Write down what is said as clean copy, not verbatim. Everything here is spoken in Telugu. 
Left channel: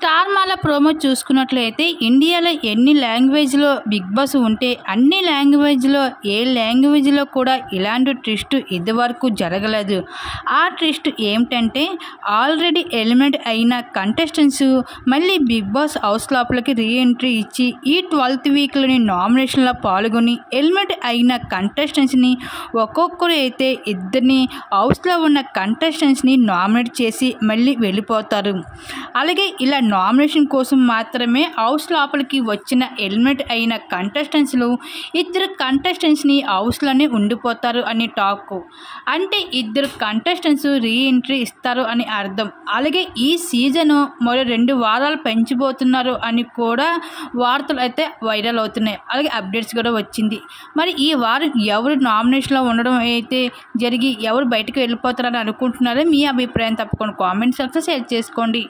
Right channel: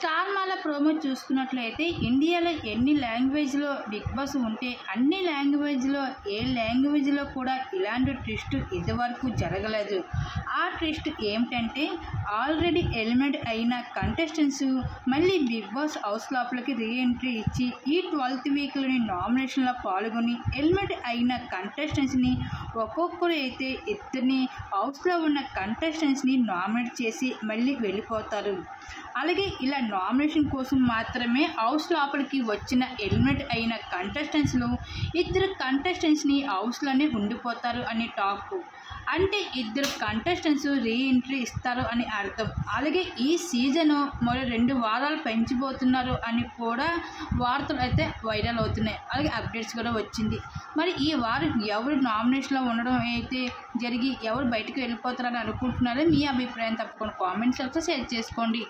స్టార్ మాల ప్రోమో చూసుకున్నట్లయితే ఇండియాలో ఎన్ని లాంగ్వేజ్లో బిగ్ బాస్ ఉంటే అన్ని లాంగ్వేజ్లో ఏ లాంగ్వేజ్లో కూడా ఇలాంటి ట్విస్ట్ ఇదివరకు జరగలేదు. ఆ ట్విస్ట్ ఏమిటంటే ఆల్రెడీ ఎలిమినేట్ అయిన కంటెస్టెంట్స్ మళ్ళీ బిగ్ బాస్ హౌస్ లోపలికి రీఎంట్రీ ఇచ్చి ఈ 12th వీక్లోని నామినేషన్లో పాల్గొని ఎలిమినేట్ అయిన కంటెస్టెంట్స్ని ఒక్కొక్కరు అయితే ఇద్దరిని హౌస్లో ఉన్న కంటెస్టెంట్స్ని నామినేట్ చేసి మళ్ళీ వెళ్ళిపోతారు. అలాగే ఇలా నామినేషన్ కోసం మాత్రమే హౌస్ లోపలికి వచ్చిన ఎలిమినేట్ అయిన కంటెస్టెంట్స్లు ఇద్దరు కంటెస్టెంట్స్ని హౌస్లోనే ఉండిపోతారు అని టాక్. అంటే ఇద్దరు కంటెస్టెంట్స్ రీఎంట్రీ ఇస్తారు అని అర్థం. అలాగే ఈ సీజను మరో 2 వారాలు పెంచబోతున్నారు అని కూడా వార్తలు అయితే వైరల్ అవుతున్నాయి. అలాగే అప్డేట్స్ కూడా వచ్చింది. మరి ఈ వారం ఎవరు నామినేషన్లో ఉండడం అయితే జరిగి ఎవరు బయటకు వెళ్ళిపోతారని అనుకుంటున్నారో మీ అభిప్రాయం తప్పకుండా కామెంట్స్ అయితే షేర్ చేసుకోండి.